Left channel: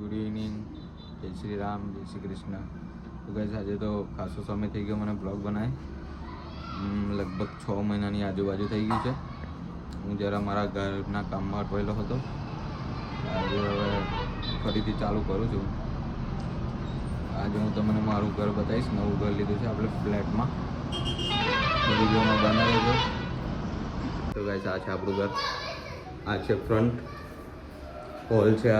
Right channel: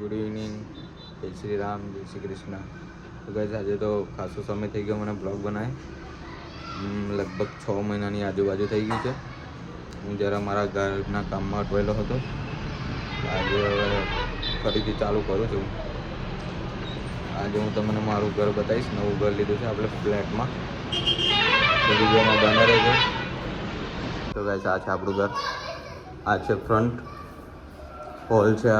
Good evening, જય શ્રી રામ, જય શ્રી કૃષ્ણ. તો ગાઈસ આજે તો ખાસો સમય થઈ ગયો મને બ્લોગ બનાવે, લગભગ 6 મહિનાની આજુબાજુ થઈ ગઈ છે. હું જરા મારા ઘરના કામમાં અટવાયેલો હતો. આજે હવે ફરીથી ચાલુ કરું છું. આજે હું તમને મારું ઘર બતાવીશ. નવું ઘર લીધું છે આપણે ફ્લેટમાં, તો વિડીયોમાં બના રહેજો. તો ગાઈસ આ છે આપણું ઘર. આ છે ફ્રન્ટ હોલ છે.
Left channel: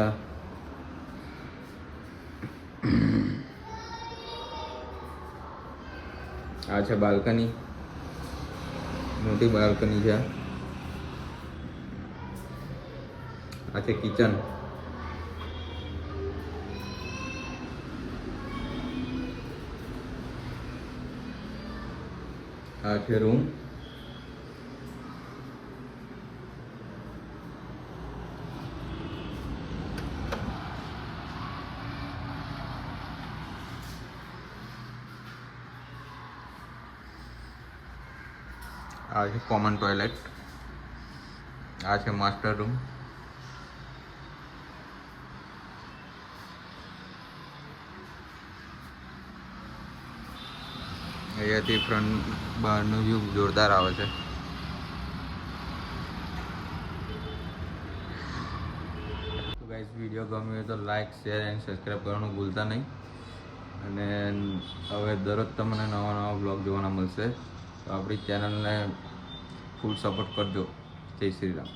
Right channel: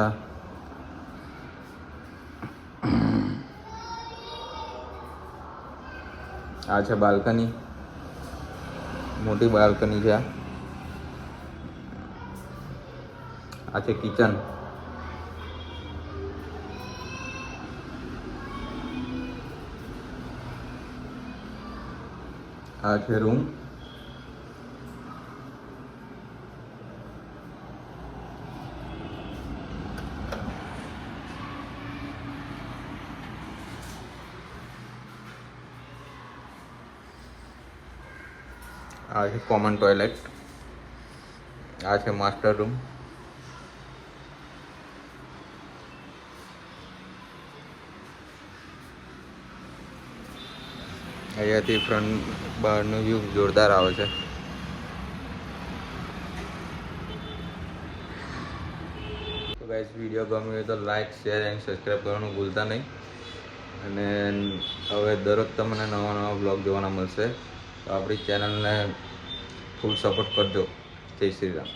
આ છે બાલ્કની, મોટી બાલ્કની છે. આ છે કિચન. આ છે રૂમ. આ છે કોમન ટોયલેટ. આ છે માસ્ટર રૂમ. અહીંયાથી ફ્રન્ટ બહારનો વ્યૂ જોરદાર આવે છે. તો ગાઈસ વિડીયો ગમ્યો હોય તો લાઈક, શેર એન્ડ સબસ્ક્રાઈબ કરવાનું ભૂલતા નહીં. અને હવે દરરોજ તમને નવા નવા બ્લોગ જોવાના મળશે. તો આપણી ચેનલને ફૂલ સપોર્ટ કરજો. જય શ્રી રામ.